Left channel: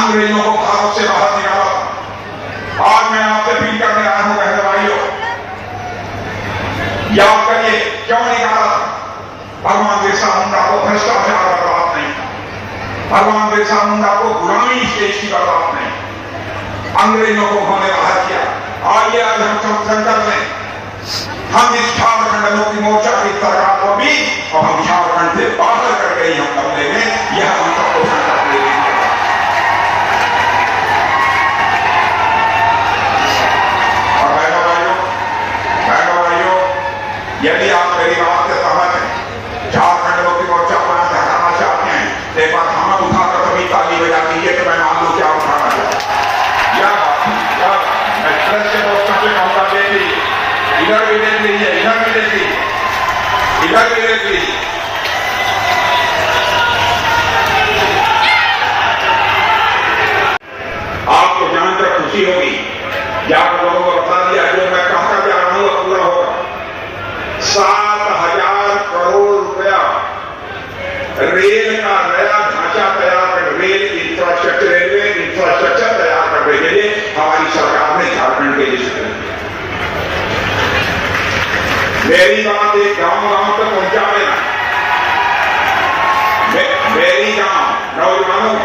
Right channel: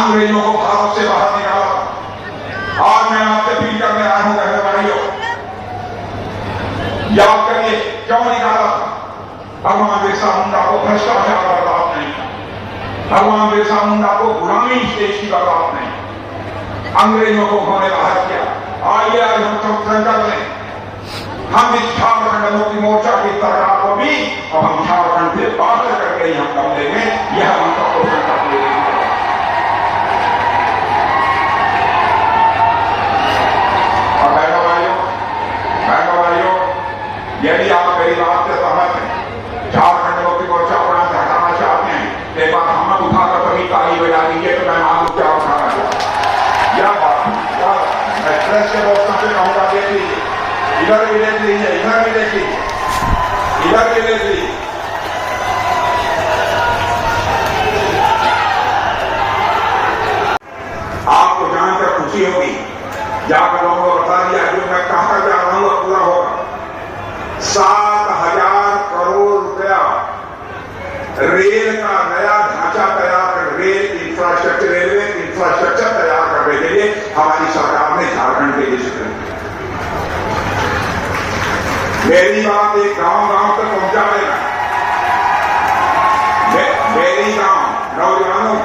अंग्रेजों को भारत से बाहर निकाला। आज मैं आपसे अपील करने आया हूं बहने भाइयों, याद करिए क्यों निकाला। भगवान बिरसा मुंडा को भ्रष्टाचार बर्बाद नहीं, भगवान बिरसा मुंडा को गुलामी इस देश की बर्बाद नहीं, अंग्रेजों को उन्होंने बाहर किया। आइए आज हम सब संकल्प लें, हम इस झारखंड मुक्ति मोर्चा की सरकार को भी और हम झारखंड से बाहर करके ही हम कर लेंगे। यह हम सबको संकल्प ले लीजिए। और बहनों भाइयों, यदि आप मेरी बात से सहमत हैं, झारखंड मुक्ति मोर्चा को आप हटाना चाहते हैं, एक बार हम उठाकर कभी ताली बजा दीजिए तो मैं मालूम क्या उठाना चाहता। यह बात मैं प्रेस के दोस्तों से कहूंगा, देख लीजिए, इधर भी देख लीजिए, इधर भी देख लीजिए, इधर भी देख लीजिए। आपको जानकर खुशी होगी, जाकर लोगों को बता दिया जो मैं कहकर जा रहा हूं पूरा होगा। 7,000 करोड़ रुपया रेल का नया ढांचा तैयार कर, रेल इंफ्रास्ट्रक्चर, रेलवे इंफ्रास्ट्रक्चर तैयार करने के लिए हमारी सरकार ने झारखंड के लिए शुरू किया। मेरी बात एक गांव-गांव तक पहुंचा देना। मेरी गांव नौजवानों,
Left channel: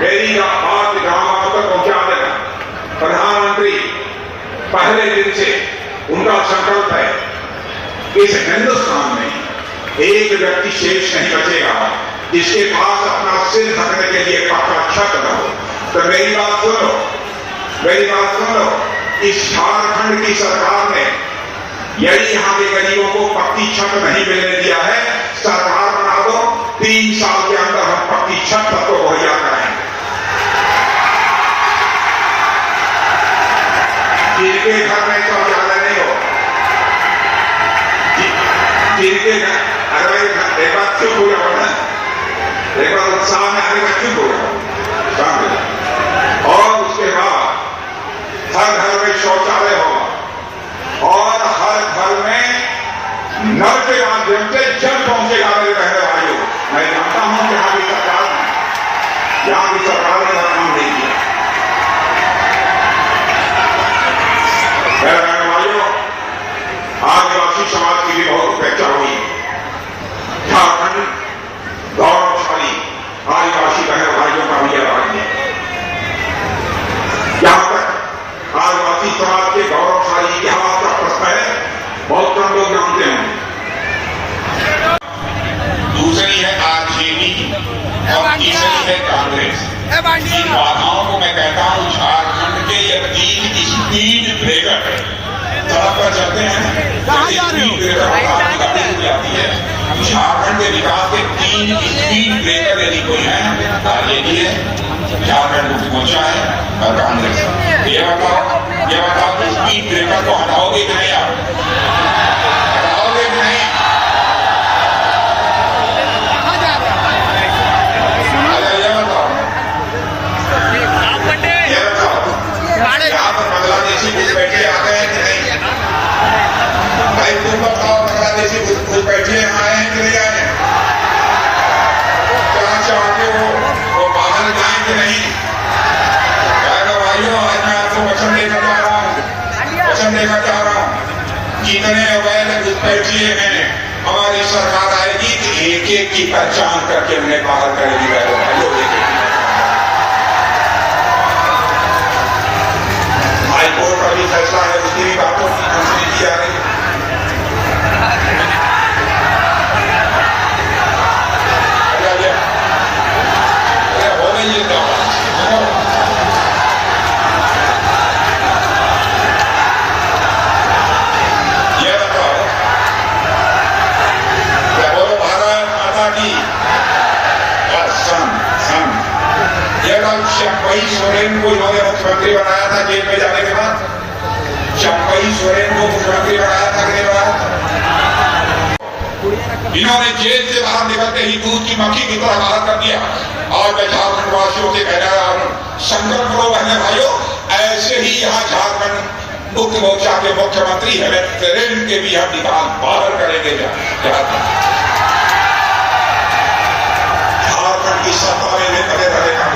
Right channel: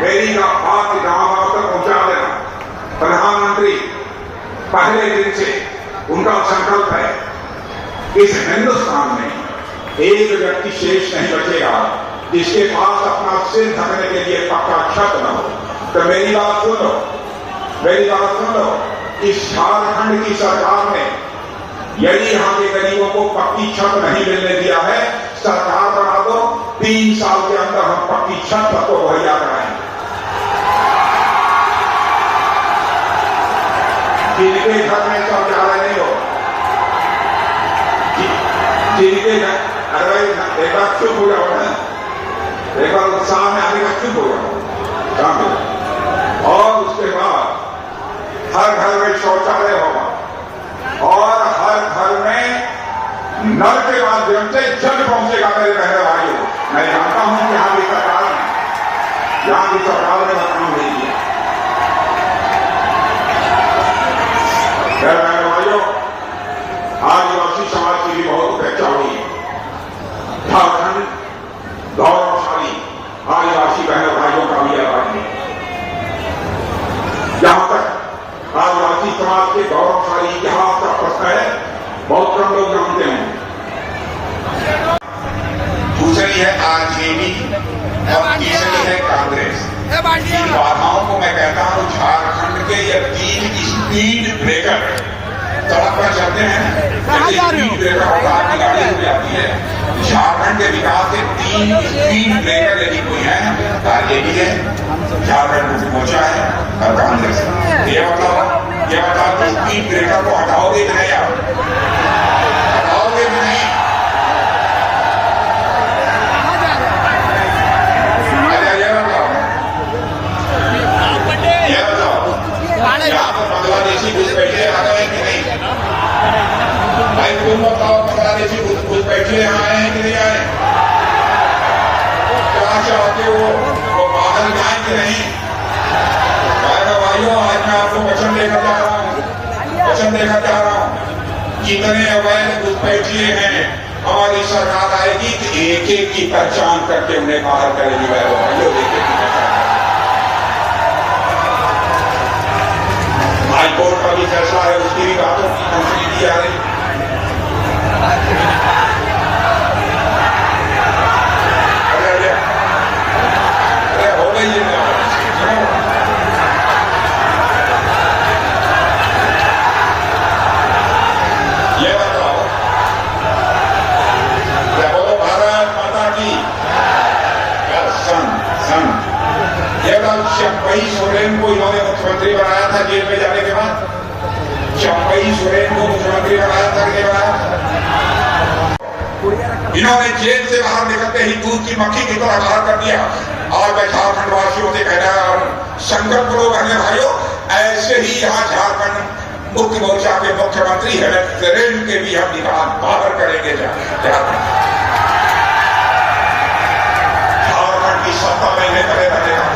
मेरी बात गांव-गांव तक पहुंचा देना। प्रधानमंत्री पहले दिन से उनका संकल्प है, इस हिंदुस्तान में एक व्यक्ति शेष नहीं बचेगा जिसके पास अपना सिर ढकने के लिए पक्का छत न हो। तो मेरी बात सुनो, मेरी बात सुन लो। इस झारखंड की सरकार ने यदि यहां के गरीबों को पक्की छत नहीं मिलने दिया है, सरकार बना दो, 3 साल के अंदर हम पक्की छत सबको मुहैया कराएंगे। जिनके घर में शौचालय नहीं हो, जिनके एक बार चुप हो जाओ ना, एक बार उत्साह में आने का चुप हो जाओ। और उसके बाद हर घर में शौचालय होगा और हर घर में नल के माध्यम से जल पहुंचेगा। मेरे रहने वालों, मैं जानता हूं कि यहाँ की सरकार ने काम नहीं किया। मेरे रहने वालों, आदिवासी समाज की भी बहुत उपेक्षा हुई। झारखंड गौरवशाली आदिवासी बहन भाइयों का भी राज्य है। जहां तक आदिवासी समाज के गौरवशाली इतिहास का प्रश्न है, बहुत कम लोग जानते हैं। दूसरी है आरजेडी और तीसरी है कांग्रेस। इन बाधाओं को मैं कहता हूं झारखंड के ये 3 स्पीड ब्रेकर सड़क पर चलते हैं, स्पीड ब्रेकर आपकी गाड़ी हो जाती है। झारखंड के विकास के 3 स्पीड ब्रेकर यदि कोई है, आरजेडी है, झारखंड मुक्ति मोर्चा है और कांग्रेस। ये बताओ कि स्पीड ब्रेकर को हटाओगे कि नहीं? आप हटाओगे कि नहीं? यहाँ पर बांग्लादेशी घुस बैठे आ गए हैं कि नहीं? भाई तुम बताओ, बांग्लादेशी घुस बैठे आए हैं कि नहीं आए? क्या चाहते हो वो बाहर जाए कि नहीं? भाइयों, आज मैं आपको वचन देकर जा रहा हूं, जितने अवैध घुसपैठिए हैं, हमारी सरकार आएगी तो एक एक की पहचान करके उन्हें बाहर करेगी। भाइयों, हाईकोर्ट का भी फैसला है, उसकी भी बातों की मंजूरी दी जा रही है। हो गई ये बताओ, क्या बोलो भारत माता की ये चंपई सोरेन को इन्होंने मुख्यमंत्री बनाया था जेल में जाने के बाद। चंपई सोरेन को मुख्यमंत्री बनाया था कि नहीं बनाया था? इन्होंने जेल से बाहर निकलते ही दूध की मक्खी की तरह बाहर कर दिया। और मैं झारखंड वासियों से कह रहा हूं, संकल्प करो बहने भाइयों, ऐसे ही यहाँ झारखंड मुक्ति मोर्चा के मुख्यमंत्री हेमंत सोरेन के भी हम निकाल बाहर करेंगे। झारखंड की सत्ता में लेकर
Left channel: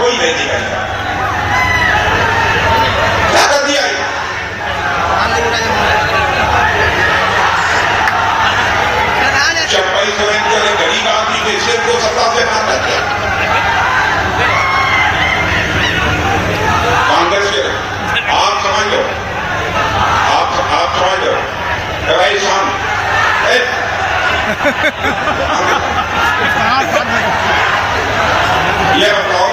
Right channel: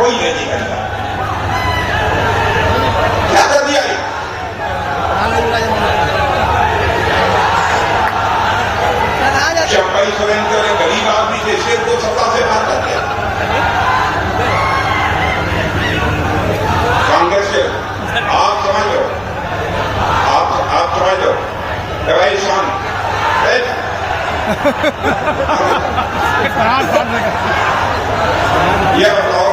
कोई नहीं दिखाएगा। समझ लो भाई सुन ये बताओ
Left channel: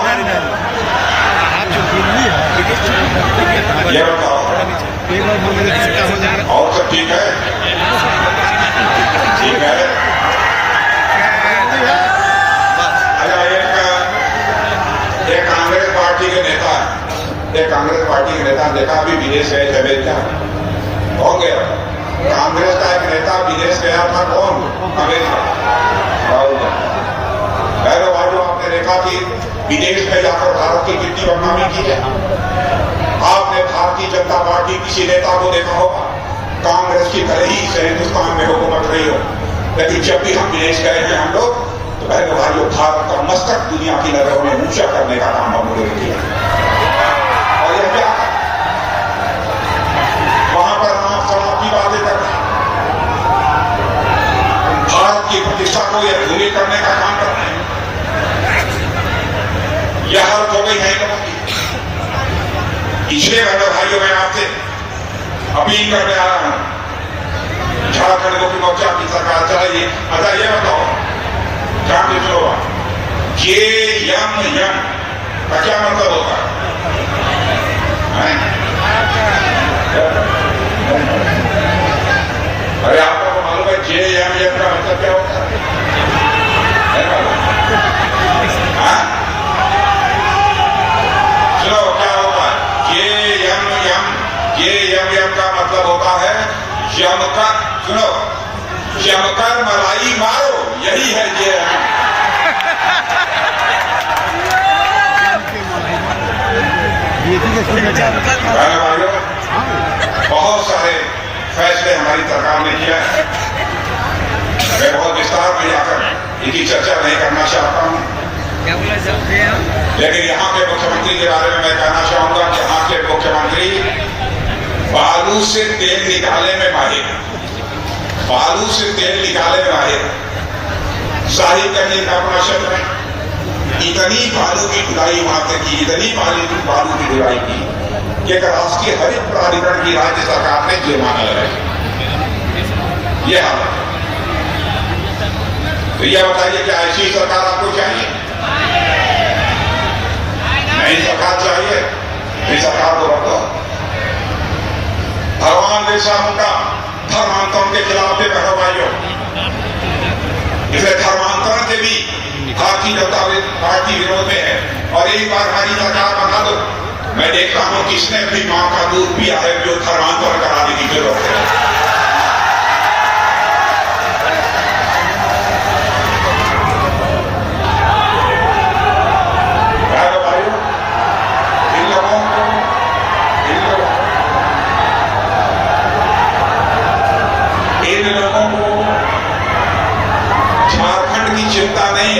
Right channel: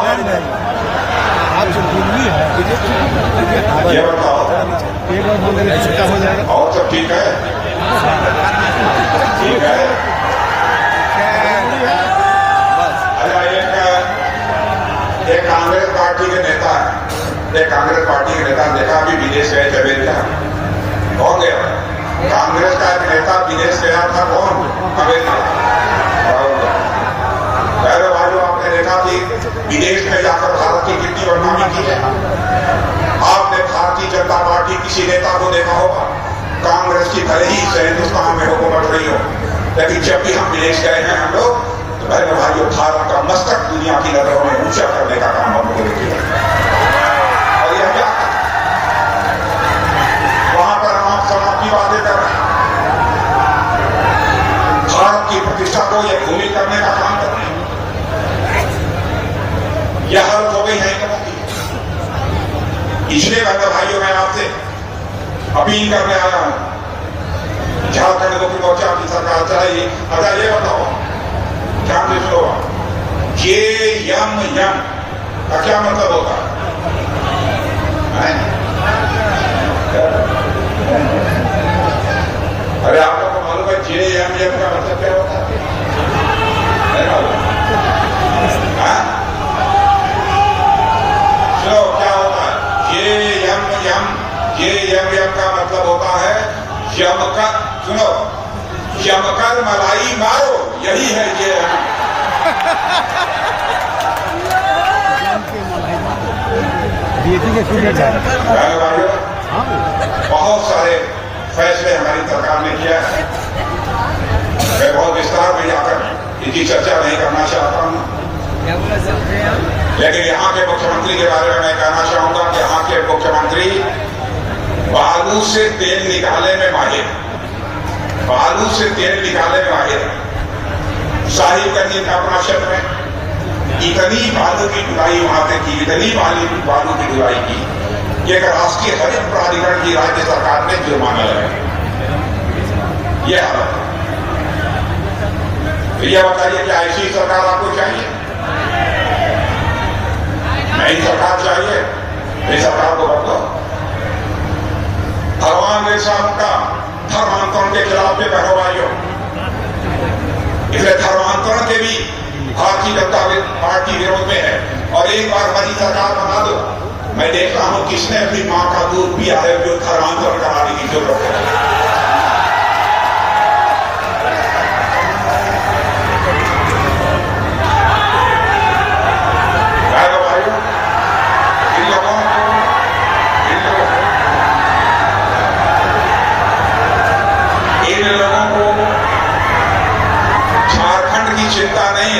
ये बताओ और सब ठीक है ठीक है। अच्छा एक कांग्रेस पार्टी के नेता ने देखा अभी विदेश गए थे क्या कौन गया कांग्रेस का एक नेता विदेश गया था कौन अमेरिका पहले भाइयों आपने देखा कि विदेश में जाकर भारत की कितनी बदनामी की है। आपने भारतीय जनता पार्टी किसी नेता को देखा होगा कांग्रेस की भले ही हिंदुस्तान में हुकूमत रही हो लेकिन जब भी हम विदेश गए हैं हम लोग तो बहनों भाइयों भारत का मस्तक दुनिया की नजरों में ऊंचा करने का काम हम लोगों ने किया और यह क्या वहां पर हम अपनी बातें कर रहे हैं भारत की प्रतिष्ठा को यह भूमि करने का काम कर रहे हैं। यह हालत हो गई है लोगों की। इसलिए बहनों भाइयों मैं आपसे अपील करने आ रहा हूं झारखंड मुक्ति मोर्चा की सरकार चाहिए। अच्छा ये बताओ क्या मित्रों ये यम का क्या मतलब होता है? अरे आप लोगों को मालूम है जे यम का मतलब क्या होता है? चलो क्या होता है जे यम का मतलब होता है यमकर। सुनो यमकर मलाई मारो यही है ये भाइयों बहुत सारे फैसले हमारी सरकार ने किया है। मैं बहुत विस्तार में जाकर इनकी चर्चा नहीं करना चाहता हूं लेकिन यहाँ के मुख्यमंत्री के बारे में मैं कहना चाहूंगा कि यहाँ के मुख्यमंत्री बालू से तेल निकालने में माहिर साहिबगंज इंद्रापुरा क्षेत्र में इतनी बालू की ढुलाई वहां से की इतनी बालू की ढुलाई की कि एक राष्ट्रीय हरित प्राधिकरण की राज्य सरकार ने जुर्माना लगाया। यह हालत तो यह बताइए कि ऐसी सरकार आपको चाहिए? नई सरकार चाहिए? इस सरकार को बताओ भगवान बिरसा मुंडा धर्मांतरण के खिलाफ थे भाइयों। इसलिए धर्मांतरण के भी भारतीय जनता पार्टी विरोध में है और एक बार हमारी सरकार बना दो मैं देखता हूं किसने अपनी मां का दूध पिया है जो धर्मांतरण कराने की जरूरत है। इन लोगों को झारखंड की चिंता नहीं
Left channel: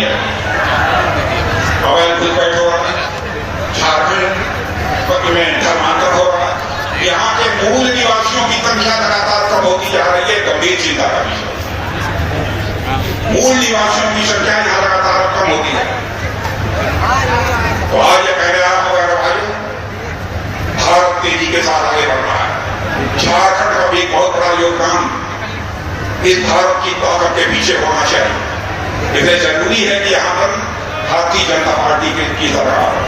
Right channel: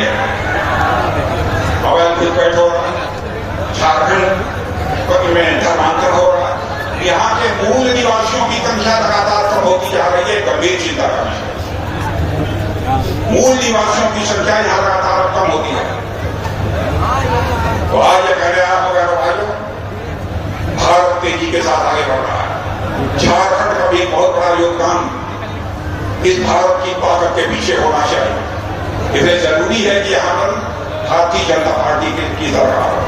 है अवैध घुसपैठ हो रहा है झारखंड में धर्मांतरण हो रहा है। यहाँ के मूल निवासियों की संख्या लगातार कम होती जा रही है गंभीर चिंता का विषय। मूल निवासियों की संख्या यहाँ लगातार कम होती है। तो आज ये कह रहे आप वगैरह भाइयों भारत तेजी के साथ आगे बढ़ रहा है। झारखंड का भी एक बहुत बड़ा योगदान इस भारत की ताकत के पीछे होना चाहिए। इसलिए जरूरी है कि यहां पर भारतीय जनता पार्टी की सरकार हो।